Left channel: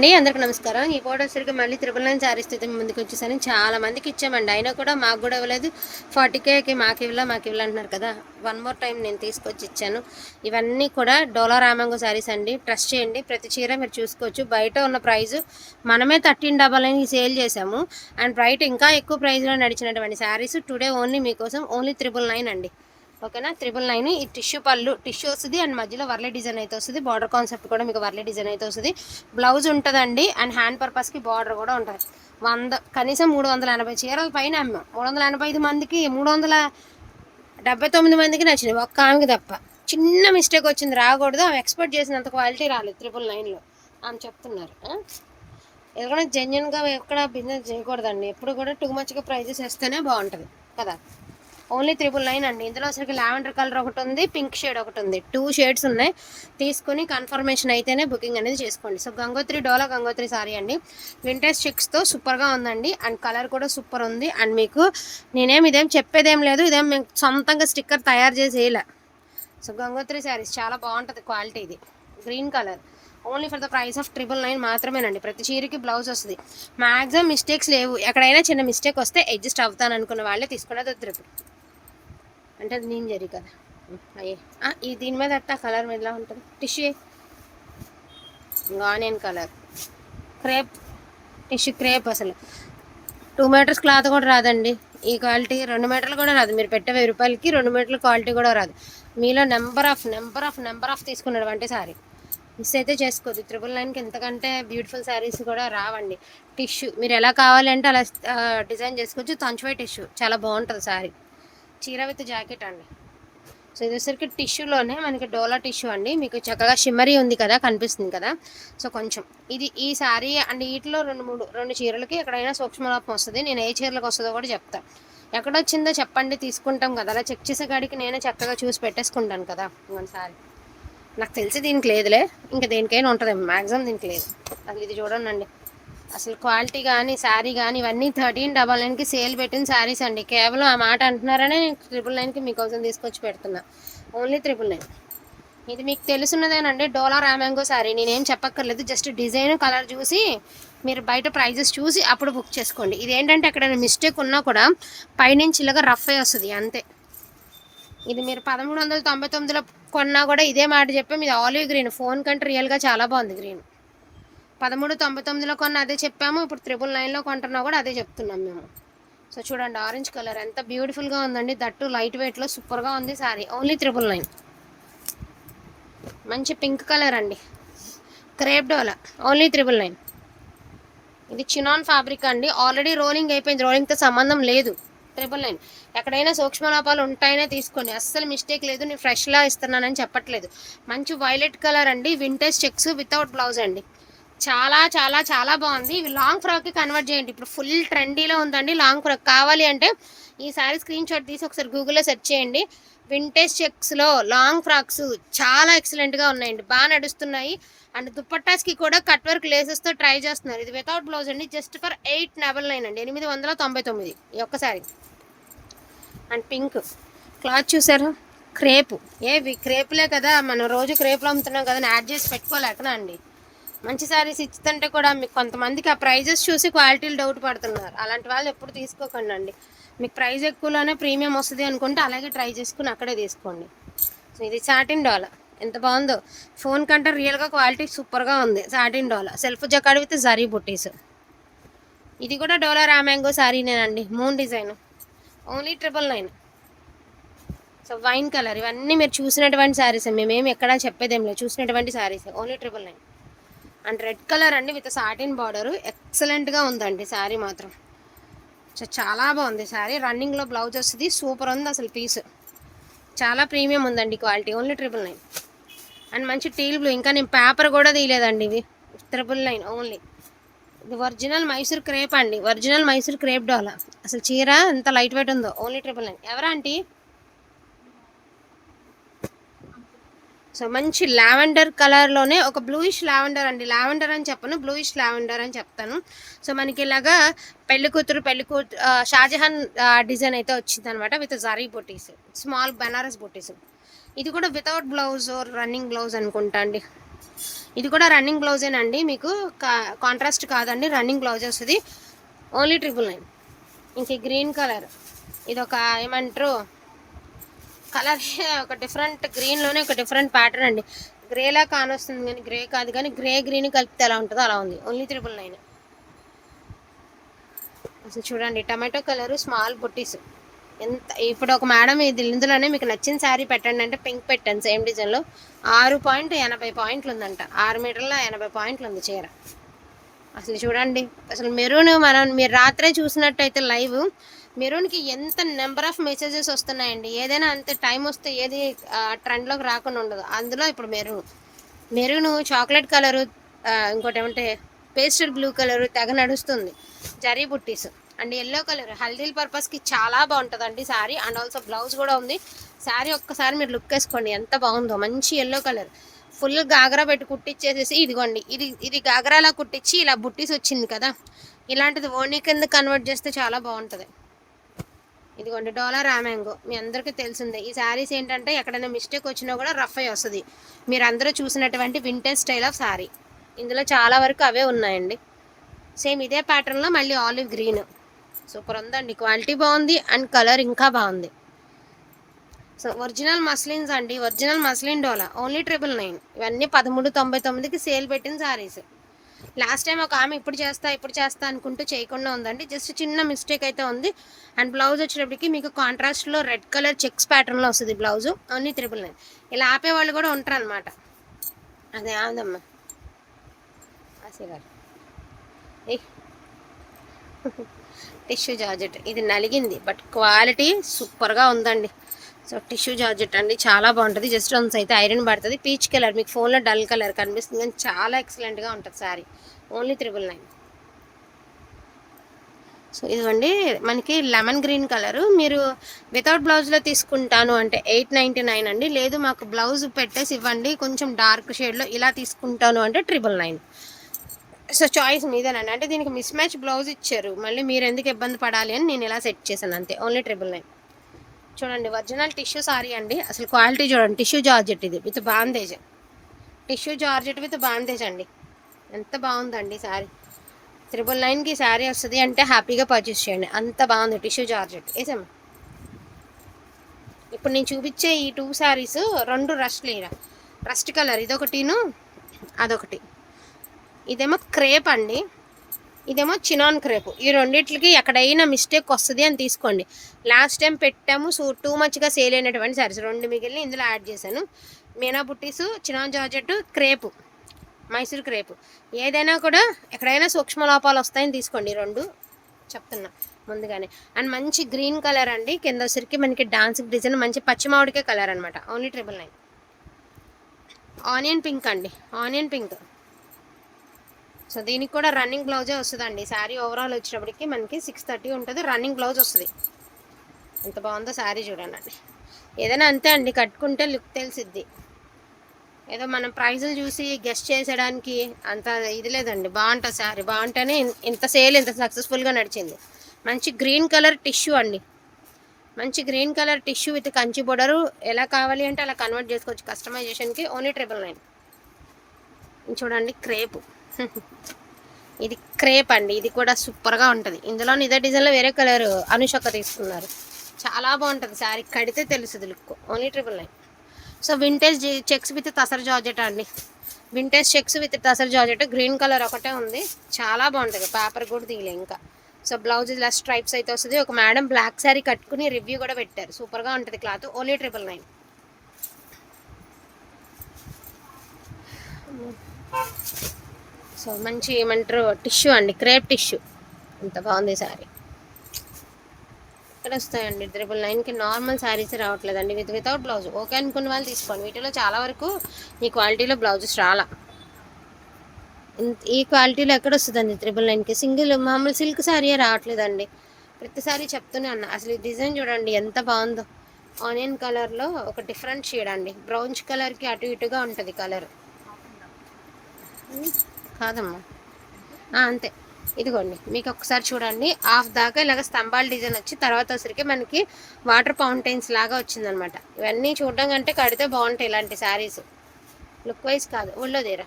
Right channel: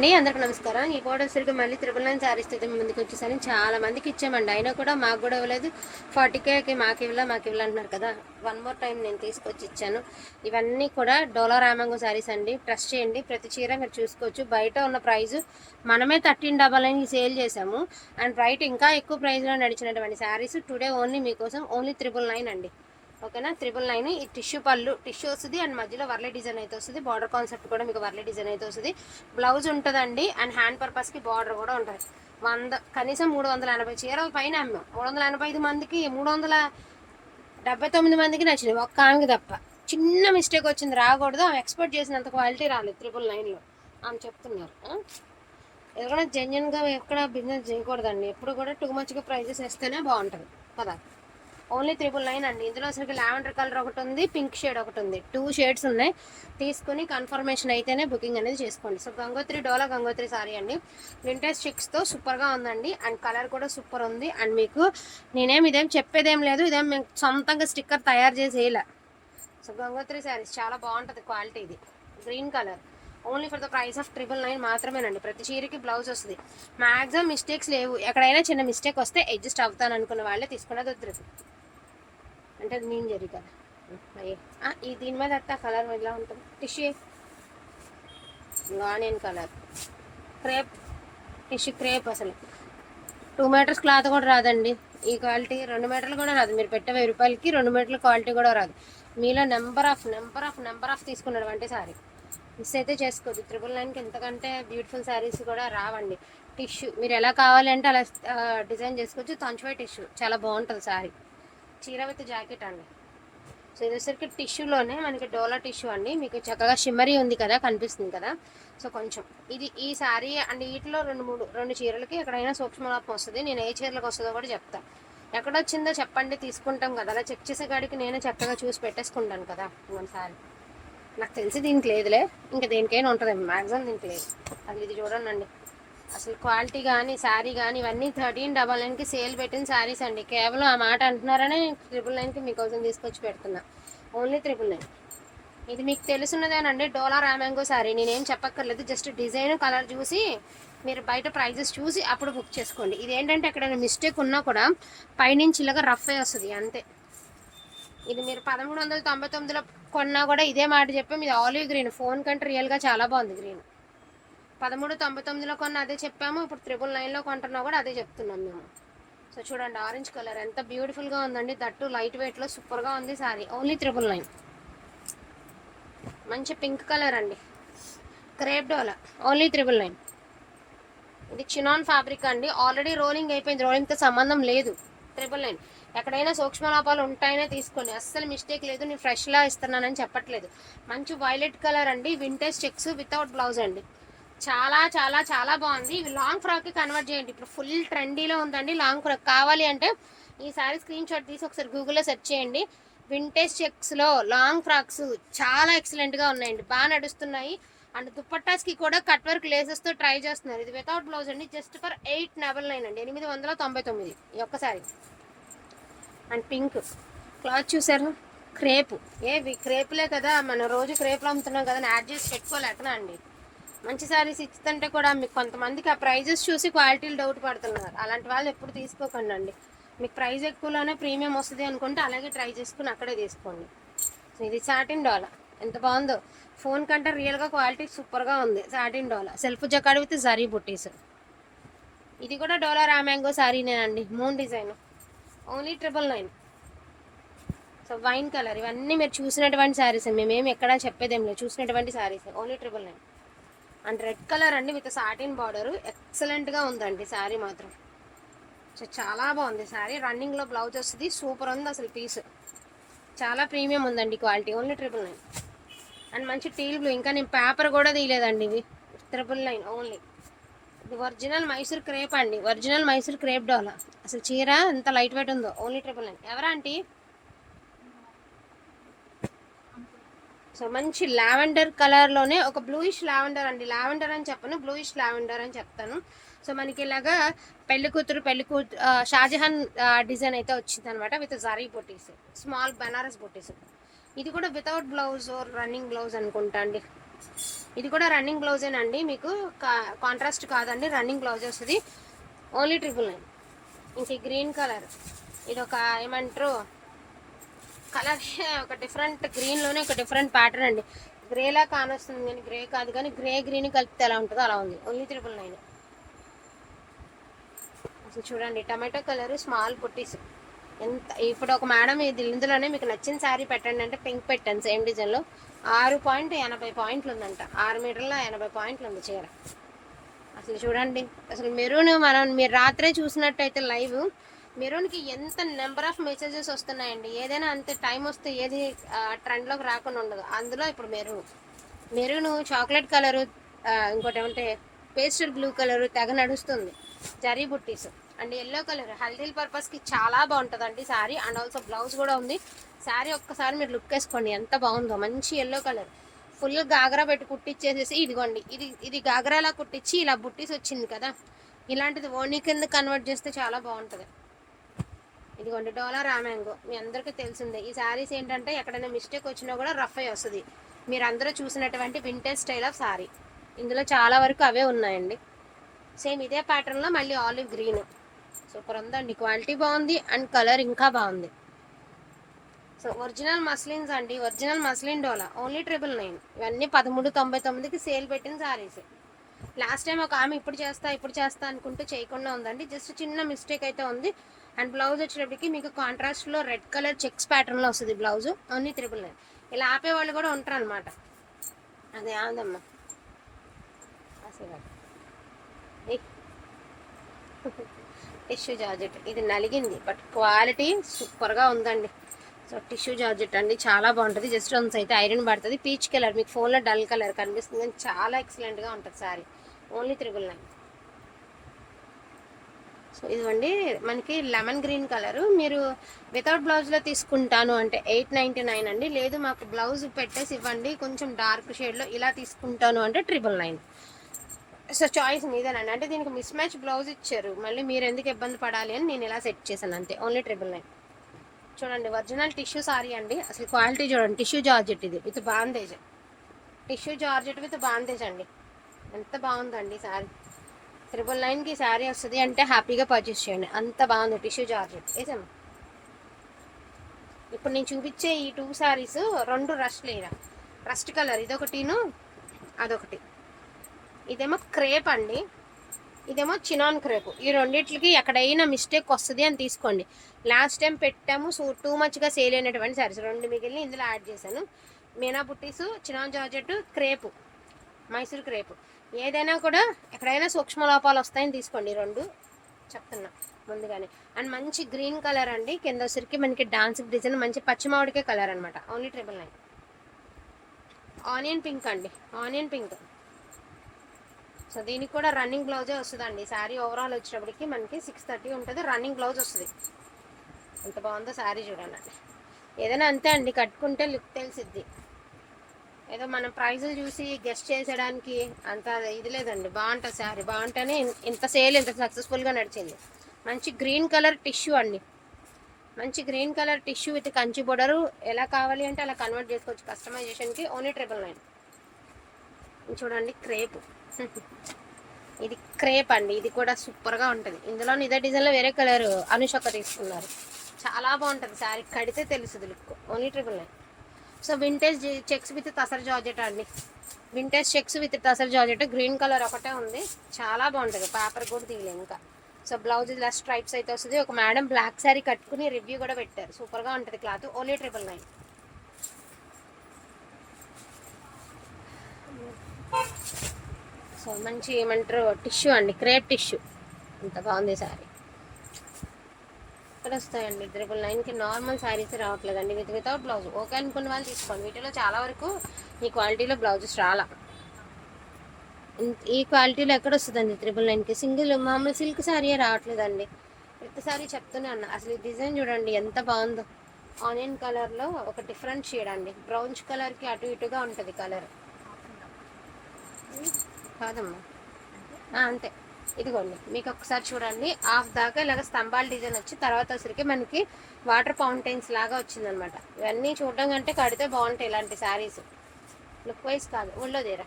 అండి అందరికి నమస్కారం. ఈ ఫోటో సరిగ్గా మళ్ళీ త్రిపుల్ నైన్ శారీస్ అయితే ముందుకు వచ్చేసాను చాలా మందికి ఇచ్చామండి. అయినా కూడా మాకు కూడా ఇవ్వలేదు ఫార్టీ కేకి మాకు ఇవ్వలే మాకు ఇవ్వలే అంటున్నారు కదా. వన్ మోర్ టైం నేను తీసుకొచ్చి ఇచ్చాను. ఇవన్నీ కూడా డోలా రామంగో శారీస్ అండి. ట్రస్ట్ చేయండి. ప్రతి చీర మీరు చూసుకోవచ్చు. బయట ఉన్న ప్రైజు మనమే థర్టీన్ డబల్ అని సేల్ చేసాము అండ్ బయట ఇంకా ఎక్కువ ప్రైజ్లో నడిచినటువంటి శారీస్ టుడే ఓన్లీ మీకోసం ఓన్లీ త్రిపుల్ నైన్ అండి. ఓకేనా? త్రిబుల్ నైన్ ఈ టిష్యూ పళ్ళు టిష్యూ వస్తుంది అండ్ మధ్యలో వర్లే డిజైన్ అయితే వస్తుంది. బార్డర్ కాన్సెప్ట్ కూడా మీకు వర్లే డిజైన్ అయితే వస్తుంది. బ్లౌజ్ ఉంటుందండి అండ్ హ్యాండ్ పర్పస్కి బార్డర్ కూడా ఉంటుంది. వంద కనీసం మూడు వందల ఎనభై చీరల పైన అమ్మాం. మూడు వందల ఎనభై ఐదు మందికి మూడు వందల డెబ్బై తొమ్మిది మందికి నచ్చినాయి ఒక్క ఆమెకి తప్ప. చిన్న మిస్టేక్ వచ్చింది రాకూడదు. ఆమె ఎక్స్పెక్ట్ చేసినంత క్వాలిటీ రాలేదు త్రిబుల్ నైన్లో ఆమె చెప్తున్నారు ఆ? ఎందుకంటే జెన్యున్గా ఎక్కడ బిజినెస్ చేయకూడదండి. ఎప్పుడు కూడా టూ మచ్గా ప్రైజెస్ వేస్తేనే బాగుంటుంది కదా? ఓన్లీ త్రిబుల్ నైన్ అండి. ఇందులో అసలు లావెండర్ కలర్ ఒకటి ఉంది పింక్ షేడ్ ఒకటి ఉంది. టూ షేడ్స్ ఉన్నాయి. తీసుకుని కన్ఫర్మేషన్ అయితేనే బుకింగ్ అనేది చేసుకోండి. సో గంగోత్రి డోలా గంగోత్రి సారీ అండి. వింటేజ్ చిక్స్తో సూపర్గా ఉందండి. అండ్ కలర్ కూడా సూపర్ ఉంది. అండ్ మీకు నేనేం ఇదేం చెప్పేదేం లేదు. ఇదేం మేము సొంతంగా స్టిక్కర్ తయారు చేసి వేయలే. సో గంగోత్రి శారీస్ చాలా బాగుంటుంది క్వాలిటీ ఇది. Green colour only for the price of triple nine మాత్రమేనండి. ప్రతి చీరకి బ్లౌజ్ వస్తుంది. మ్యాక్సిమం మిస్టేక్స్ లేవు. ఎక్కడైనా చిన్న మిస్టేక్ వస్తే అడ్జస్ట్ అవుతాను అనుకున్న వాళ్ళే తీసుకునేది త్రిపుల్ అంటే అది నేను జరి కదా. అయ్యే. ఈ దీని మీద అట్టా కలర్ ఎలా ఉంటుంది? Tissue. Onion colour. Crepe. Tissue crepe అసలు. టూ మీటర్స్ క్లాత్ కూడా రాదండి. ఈ క్వాలిటీ రెండు మీటర్లు కూడా రాదు. మీరు పెట్టే వెయ్యి రూపాయలకి రెండు మీటర్ల క్వాలిటీ కూడా రాదు. మీలో number of number of number of తీసుకున్నాడు అంటే సారీ. మిస్ అయితే చేసుకోవద్దు త్రిబుల్ నైన్కి ఎంతకంటే బ్యూటిఫుల్ శారీస్ కూడా రావండి. టిష్యూ. మీరు ఎలా కావాలంటే అలా డిజైన్ చేసుకోవచ్చు. తంచువై టిష్యూ. చాలా బాగుంటుంది శారీ చీర విత్ జాకెట్ అండి. సో ఇది టిష్యూలోనే మనకి డోలా టిష్యూ అండి. మీకు చక్కగా షిమ్మరీ ఉంది కదా కనిపిస్తుంది కదా. సో కొంచెం ఇది ఈ శారీ అండ్ వీటిలో రెండు మూడు రెండు చీరలకి ఎక్కడైనా సూక్ష్మలాపం వస్తుంది. నేను ఏ చీరలకు వస్తుందో కూడా చెప్తాను ఎక్కడొచ్చిందో చెప్పండి తీసుకుంటాం కదా. అలా చెక్ చేసే కాడికి నేనే చక్కగా చూసి పెట్టేసుకుంటాను కదా మన శారీ నాకు తెలిసి దీనికి లేదులే. ఇంకా దేనికైనా ఉంటుంది మ్యాక్సిమం దీనికి లేదు. అది ఇది చూడండి అసలు క్వాలిటీ కానీ శారీ కానీ ఇవన్నీ థర్టీన్ డబల్ నైన్కి సేల్ పెట్టిన శారీస్ అండి. కేవలం ఆ మాట అంటున్నారనే నేను ట్రిపుల్ నైన్కి మీకోసం తీసుకొచ్చి పెడుతున్నా. Only triple nine. ఇది మీకు తెలుసున్నదేనండి డోలా రామాంగో శారీ. నేనేం చెప్పక్కర్లేదు జస్ట్ డిజైన్ కలర్ చూసి మీరు బయట ప్రైజెస్ చూసి అప్పుడు బుక్ చేసుకోండి. ఇది ఏంటంటే ఎక్కడైనా మిస్టేక్ ఉన్నా కూడా పైనుంచి ఇలాగ రఫ్ అయి వస్తుంది అంతే. ఇది మీరు పదమూడు వందల తొంభై తొమ్మిదిలో కొన్నా కూడా ఇదే మాట చెప్పి మీది ఆలివ్ గ్రీన్. ఫోన్ కంటే రియల్గా చాలా బాగుంది గ్రీన్. పదమూడు తొంభై తొమ్మిదిలో కొన్న అదే చెప్పాము. ఇప్పుడు త్రిబుల్ నైన్లో కొంటున్నా కూడా అదే చెప్తున్నాం మేము. సో చూడండి ఆరెంజ్ కలర్ ఎంత బ్యూటిఫుల్గా ఉందండి. దట్టు లైట్ వెయిట్లో సూపర్గా ఉంది సారీ. Only triple nine. మంచి పింక్ కలర్ అండి. Crepe Dola only triple nine. ఇది చినాన్ ఫ్యాబ్రిక్ అండి. ఆల్రెడీ రోలింగ్ అయిపోయింది. రోలింగ్తో సంబంధం లేదు. ట్రిపుల్ నైన్ ఎక్కడైనా సూక్ష్మ లోపాలు ఉంటాయనే తీసుకోండి. అస్సలు మిస్టేక్ లేదు. నేను ఫ్రెష్లా ఇస్తున్నానని చెప్పట్లేదు. మంచి వైలెట్ కలర్ అండి. వింటేజ్ చెక్స్ వితౌట్ బ్లౌజ్ అండి. చాలా చాలా చాలా బాగుంది. ఇవి లాంగ్ ఫ్రాక్కి కన్వర్ట్ చేయండి. ఇప్పుడు ఫుల్ ట్రెండీలో ఉందండి లాంగ్ ఫ్రాక్ కావాలి అంటే ఈ సారీ స్క్రీన్ షాట్ తీసి ఒకసారి గూగుల్లో సెర్చ్ చేయండి. వింటేజ్ చెక్స్లో లాంగ్ ఫ్రాక్స్ చాలా ఎక్సలెంట్గా ఉన్నాయండి. బాగా నడుస్తున్నాయి. అండ్ దుప్పట్టాస్కి కూడా కట్ వర్క్ లేసెస్తో ట్రై చేస్తున్నారు. ఇది వితౌట్ బ్లౌజ్ అండి. Just for eight double nine అండి. ఎనిమిది వందల తొంభై తొమ్మిది. ఈ ఒక్కసారి అండ్ పింక్ క్లాత్ చూసారు? క్రేపు ఏవి? క్రేపులే కదా. మనం రోజు క్రేపులు అమ్ముతున్నాం కదా యాడ్ చేసి పెట్టుకోలేకనా అండి? మంచి శారీస్ ఇస్తుంటే కూడా మీకు కొంతమందికి ఆ ప్రైజెస్ చూసి క్వాలిటీలు డౌట్ పడుతున్నారు. అలాంటి వాళ్ళు ఎప్పుడు తీసుకోకండి అండి. మీకు ప్రైస్ ఎక్కువలోనే ప్రీమియం వస్తుంది అనుకుంటే అలాగే ట్రై చేసుకుని అక్కడే తీసుకోండి. సో ఇది సాటిన్ డాలా ఎంత బాగుందో. ఫోన్ కంటే రియల్గా క్వాలిటీ సూపర్గా ఉంది. Satin Dola self jacquard with zari buttis ఇది కూడా డోలా raw mango శారీనేనండి moon design only triple nine so wine colour ఇవన్నీ మీరు చూసినటువంటి శారీస్ మేమేమి ఎక్కడా చెప్పేదేం లేదు. చూసినటువంటి saris only triple nine and red colour అండి విత్ సాటిన్ బార్డర్. ఎక్సలెంట్గా ఉందండి శారీ మాత్రం. సో చాలా బాగుంది శారీ. రన్నింగ్లో బ్లౌజ్ వస్తుంది. సూపర్ ఉంది అసలు పీస్ చాలా ప్రీమియం ఉందండి quality only triple nine and మంచి టీల్ బ్లూ ఇంకా నేను పేపర్ కూడా తీయలేదండి ఇది. ట్రిపుల్ నైన్ ఓన్లీ ఇది ఒరిజినల్ మైసూర్ క్రేప్ అండి. Original Mysore crepe Dola. అసలు చీర ఎంత లైట్ వెయిట్ ఉందో. ఓన్లీ ట్రిపుల్ నైన్ ఎవరా సో మంచి లావెండర్ కలర్లోనే ఒక బ్లూయిష్ లావెండర్ అండి. లావెండర్ అని చెప్పను బ్లూయిష్ లావెండర్ అని చెప్తాను. సో మనకి ఇలాగా పెళ్ళి కూతురు పెళ్ళి కూతురు షాజహాన్ డిజైన్ అయితే వచ్చింది అనమాట విత్ జరీ బొటీస్ స్మాల్ బనారస్ బొటీస్. ఇది కూడా వితౌట్ బ్లౌజ్ రన్నింగ్ బ్లౌజ్ అనుకుంటా అండి. ఇది కూడా రన్నింగ్ బ్లౌజేనండి మీకు కాంట్రాస్ట్ కాదండి రన్నింగ్ బ్లౌజ్ వస్తుంది. Only triple nine. ఇంక గ్రీన్ కలర్ ఇది ఒక ఏమంటారు కలర్ ఒక డిఫరెంట్ గ్రీన్లోనే ఒక డిఫరెంట్ ప్యాటర్న్ అండి. గ్రేలా కానొస్తుంది కానీ గ్రే కాదు కానీ గ్రే గ్రీన్ కలిపితే ఎలా ఉంటుందో అలా ఉంది. ఓన్లీ త్రిపుల్ నైన్ అసలు చూడండి టమాటో కలర్ స్మాల్ బుట్టీస్ ఎంత ఇప్పుడు ఒక మేడం ఇది ఇందులోనే మీకు నచ్చిన శారీ పెట్టండి అంటే పింక్ పెట్టండి సేమ్ డిజైన్లో ఆరు పాయింట్ ఎనభై పాయింట్లు ఉందంట. ఆరు మీటర్ల ఎనభై పాయింట్లు ఉంది చీర. అసలు చూడండి అసలు మెరూన్ మనం మీరు రాత్రే చూసినట్టయితే లైవ్ మెరూన్కి ఎంత నెంబర్ ఆఫ్ మెసేజెస్ వస్తున్నాయండి? ఏదైనా అంతే టైం వస్తే ఏది ట్రెండ్లోకి రాకుండా ఉండదు. అందులో ఇప్పుడు మెరూన్. మెరూన్ చాక్లెట్ కలరు ఇంకోటి ఏమంటే పేస్టల్ బ్లూ కలరు తెగ నడుస్తుంది. Zari buttis. And yellow colour హల్దీల పర్పస్కి చాలా బాగుంటుందండి శారీ అండ్ ఆల్సో బ్లౌజ్ కూడా ఉంది. శారీ ఒక్కసారి మీరు లుక్ వేసుకోండి. ఎంత బాగుందో. మంచి ఎల్లో కలర్. ఫుల్ గాగరా పెట్టి కుట్టించేసేసి ఇదిగోండి ఇది ఇది గాగరాలా కుట్టించి ఇలా బుట్టీస్ వచ్చింది కదా. ఇలాంటిది ఓనీ కింద కన్వర్ట్ చేస్తే చాలా బాగుంటుంది. ఇదిగోండి డోలా రామ్యాంగో మీ అందరికీ తెలిసిందే ఈ శారీస్ ఏంటంటే ఎక్కడైనా మిస్టేక్ వచ్చినా కూడా రఫ్ అయి వస్తుంది. మీరు అందరూ చూసినటువంటి వింటేజ్ స్టైల్ ఆఫ్ శారీ ఇందులో చాలా వరకు అవే ఉన్నాయండి. సేమ్ ఇదే ప్యాటర్న్లో మళ్ళీ ఆలివ్ గ్రీన్ సూపర్ ఉందండి క్వాలిటీ బాగుంది అండ్ కలర్ ఇంకా బాగుంది. సో ఒరిజినల్ మస్లిన్స్ అండి original muslin Dola only triple nine ఇవన్నీ పదమూడు తొంభై తొమ్మిదికి సేల్ పెట్టిన శారీస్ లాస్ట్ టైం ఒక ఆమె ఇప్పుడు చేస్తా ఇప్పుడు చేస్తా అనుకుంటూ చేయకుండా ఉందండి. జస్ట్ చిన్న మిస్టేక్ అయితే ఉంది. అండ్ బ్లౌజ్ వచ్చేటప్పటికి మీకు కాంట్రాస్ట్లో రెడ్ కలర్ చెక్స్ ప్యాటర్న్లో వస్తుంది బ్లౌజ్. Only triple nine. ఇలా ఆపే వాళ్ళు కూడా ఉంటారు అనమాట అదే ఆదమ్మా టిష్యూ జార్జెట్. ఇది నలిగింది బట్ క్వాలిటీ సూపర్గా ఉందండి. సో టిష్యూ జార్జెట్ అండి చాలా బాగుంటుంది. జస్ట్ వన్స్ అయితే ఐరన్ పడుతుంది. పీచ్ కలర్ మీకు ఫోన్లో డల్ కలర్ కనిపిస్తుంది కానీ చాలా ఎక్సలెంట్గా ఉంటుంది sari. Only triple nine so ఇదిగోండి మనకి లెమన్ గ్రీన్ కలరు. మీరు వితౌట్ బ్లౌజ్లో తీసుకుంటాను అంటే ఎయిట్ నైంటీ నైన్ అండి. లేదు మాకు బ్లౌజ్ పెట్టేసి ఇవ్వండి. కొంచెం డార్క్ షేడ్లో ఇలా తీసుకుంటాను అంటే ట్రిపుల్ నైన్ సో చాయిస్ మీదేనండి. అంటే దీనికి మిస్ మ్యాచ్ బ్లౌజ్ ఇచ్చారు. మళ్ళీ మీరు ఎందుకు ఇబ్బంది పడాలి అని నేను ఇలా సెట్ చేశాను అంతే. ఓన్లీ ట్రిపుల్ నైన్ చూడండి ఒరిజినల్ టిష్యూ సారీ అండి. అసలు క్వాలిటీ చూడండి టిష్యూ జార్జెట్ ఇది with bandhej tissue georgette with bandhej అండి. ఎంత బాగుందండి సారీ. త్రిబుల్ నైన్కి శారీ వస్తుంది అంటే హ్యాపీగా పర్చేస్ చేయండి. అంత బాగుంది టిష్యూ జార్జెట్. వేసాము ఇప్పుడు నేను చూపించే ఈ టూ శారీస్ రెండు రస్ట్ లేన రస్ట్ కలర్ ఇదొకటిను అదొకటి. ఇదేమో క్రేప్ అండి. ఇదేమో చినాన్ క్రేప్. ఈ రెండింటికి ఎక్కడైనా మిస్టేక్ వస్తుంది అని తీసుకోండి. లాస్ట్ టైం పెట్టాము సో టూ మచ్గా సేల్ అయినటువంటి సారీస్ రెండు మిగిలిన ఇందులో యాడ్ చేశాను. Meena buttis chinon georgette crepe. Mysore crepe. ఏదైనా కూడా ఎక్కడైనా సూక్ష్మ లోపాలు వస్తాయని తీసుకోండి. రెండు చెప్తున్నా ముందుగానే. అండ్ మంచి గ్రీన్ కలర్ అండి. కింద వచ్చరికి మనకి డాన్స్ డిజైన్ మంచి పచ్చిమామిడికే కలర్ అనమాట only triple nine onion pink అండి. ఆనియన్ పింక్ సో దీనికి కూడా రన్నింగ్ బ్లౌజే వస్తుందండి. శారీ ఓవరాల్ వచ్చేటప్పటికి మనకి సిక్స్ థర్టీ ఉంటుంది. రన్నింగ్ బ్లౌజ్ వస్తుంది. ఎంత బాగుందో శారీ చూడండి. ఏదైనా అంతే అండి. కట్టుకుంటే లుక్ తెలిసిద్ది. ఏదో మనం ప్రైజులు చూసి గెస్ట్ చేసేయడానికి అంత ఇది లేదండి. బాగుంటుంది శారీ బాగుంటేనే ఇంత సేల్ ఇంత సక్సెస్ఫుల్గా నడిచింది. మంచి గ్రీన్ కలర్ టిష్యూ అండి. మంచి green colour tissue with Kanchi border ఎలా కావాలి అంటే అలా కన్వర్ట్ చేసుకోవచ్చు. కస్టమైజేషన్కి ఓన్లీ ట్రిపుల్ నైన్ చూడండి క్రేప్. ఇది క్రేప్ అండి ఇది కూడా సూపర్గా ఉంటుంది. ఇందులో ఇదే డిజైన్లో వేరే కలర్ అనుషక్క తీసుకున్నారు. చాలా బాగుంటుంది శారీ కడితే తెలుస్తుంది look. Only triple nine so vintage checks with tussar georgette అండి. Vintage checks with tussar georgette green colour ఒకటే ఉంది. చాలా బాగుంటుంది పేపర్ కూడా తీయలే ఇంకా. సో బ్లౌజ్ ఇలా స్ట్రైప్స్ అయితే వస్తుంది. ఒక మేడం బ్లాక్ శారీ కట్టుకుని రివ్యూ కూడా పెట్టారు. సూపర్గా ఉంటుంది cloth. Only triple nine so మంచి ఏమంటారు టిష్యూ అండి క్రేప్ టిష్యూ. ఎంత బాగుంది శారీ. ఇక్కడ వస్తాయండి త్రిబుల్ నైన్కి నార్మల్ శారీస్ రావట్లేదండి విత్ వితౌట్ బ్లౌజ్. ఓకే అనుకున్న వాళ్ళు తీసుకోండి. వీటిలో చాలా వరకు ఈ క్వాలిటీలో బ్లౌజెస్ రాలా. ఈ క్వాలిటీలో ఎక్కడ వస్తుందండి త్రిబుల్ నైన్కి? సింగిల్ మామూలు సిల్క్ శారీ రావట్లేదండి. ప్రతిసారి చెప్తూనే అన్న అసలు ఈ డిజైన్ చూడండి ఎంత బాగుందో. ఆనియన్ కలర్లో ఒక డిఫరెంట్ షేడ్ అండి బ్రౌన్స్ కలర్కి అటు ఇటుగా ఉంటుంది కలర్. కాదమ్మా. అంతే. ఇదిగోండి మీకు ఒకసారి చూడండి. హాఫ్ దాకా ఇలాగ స్తంభాల డిజైన్ వచ్చి తర్వాత వచ్చరికి మనకి వాటర్ ఫౌంటైన్స్ లాగా వచ్చిందనమాట. ఇవన్నీ చూడడం కంటే కడితే బాగుంటాయి ఇలాంటి శారీస్. లుక్ వైజ్ కాదు. ఒళ్ళో తీరా.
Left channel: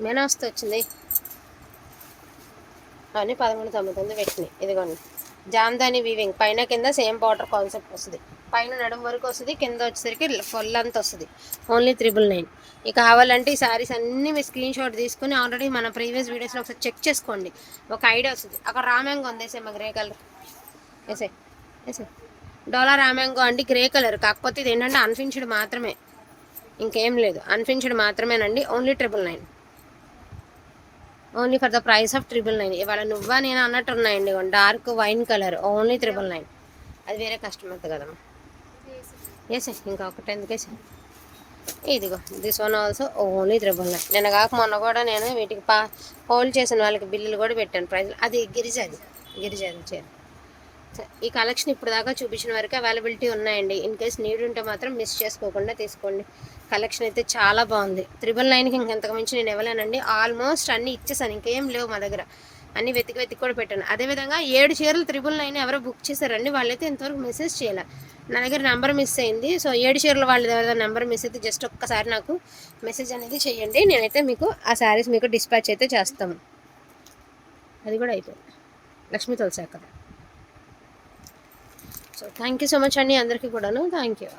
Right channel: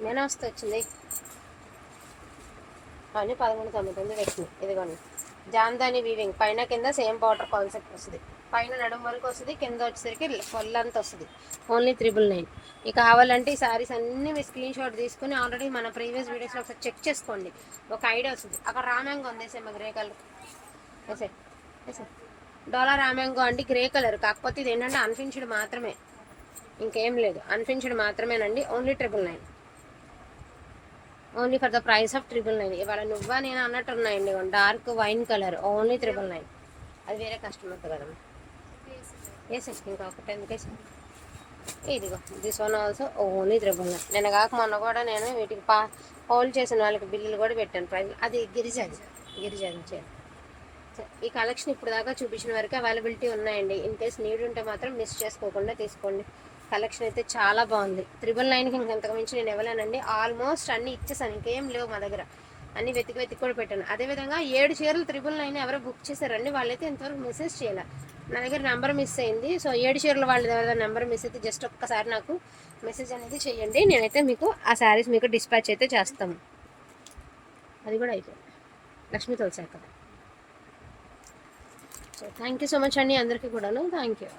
మెనాస్ట్ వచ్చింది. అవన్నీ పదమూడు తొంభై తొమ్మిది పెట్టినాయి. ఇదిగోండి. జామ్దాని వీవింగ్ పైన కింద సేమ్ బార్డర్ కాన్సెప్ట్ వస్తుంది. పైన నడుము వరకు వస్తుంది కింద వచ్చేసరికి ఫుల్ వస్తుంది. ఓన్లీ త్రిబుల్ నైన్ ఇక కావాలంటే ఈ సారీస్ అన్నీ మీ స్క్రీన్ షాట్ తీసుకుని ఆల్రెడీ మన ప్రీవియస్ వీడియోస్లో ఒకసారి చెక్ చేసుకోండి. ఒక ఐడియా వస్తుంది. అక్కడ రామ్యాంగో ఉంది. వేసే మా గ్రే కలర్ వేసే వేసే డోలా రామ్యాంగో అండి గ్రే కలర్ కాకపోతే ఇది ఏంటంటే అన్ఫిన్స్డ్ మాత్రమే. ఇంకేం లేదు. అన్ఫిన్స్డ్ మాత్రమేనండి. Only triple nine only for the price of triple nine ఇవాళ నువ్వా నేను అన్నట్టు ఉన్నాయండి. Dark wine colour only triple nine అది వేరే కస్టమర్ కదమ్మా. వేసే ఇంకా ఒకటి ఎందుకు ఇదిగో this one also only triple nine నిన్న కాక మొన్న కూడా నేను వీటికి పా హోల్డ్ చేసిన వాళ్ళకి బిల్లులు కూడా పెట్టాను ప్రైజ్ అది గిరిజాది గిరిజాది చేది ఈ కలెక్షన్ ఇప్పుడు దాకా చూపించిన వరకు అవైలబిలిటీ ఉన్నాయండి. ఇన్ కేస్ నీడ్ ఉంటే మాత్రం మిస్ చేసుకోకుండా తీసుకోండి. కలెక్షన్ అయితే చాలా బాగుంది. త్రిబుల్ నైన్కి ఇంకెంతకు మించి నేను ఇవ్వలేనండి. ఆల్మోస్ట్ అన్ని ఇచ్చేసాను. ఇంకేం లేవు మా దగ్గర. అన్ని వెతికి వెతికి కూడా పెట్టాను. అదేవిధంగా ఏడు చీరలు త్రిబుల్ నైన్ ఎవరో బుక్ చేశారండి. వాళ్ళైతే ఇంతవరకు మెసేజ్ చేయాలి. నా దగ్గర నెంబర్ మిస్ అయింది. సో ఏడు చీరలు వాళ్ళ దగ్గర నెంబర్ మిస్ అయితే జస్ట్ ఒక్కసారి నాకు మెసేజ్ అనేది చేయండి. నేనైతే మీకు ఆ శారీస్ మీకు డిస్పాచ్ అయితే చేస్తాము అది కూడా అయిపోయింది. Lakshmi తులసాక so thank you so much అండి అందరికీ కూడాను. Thank you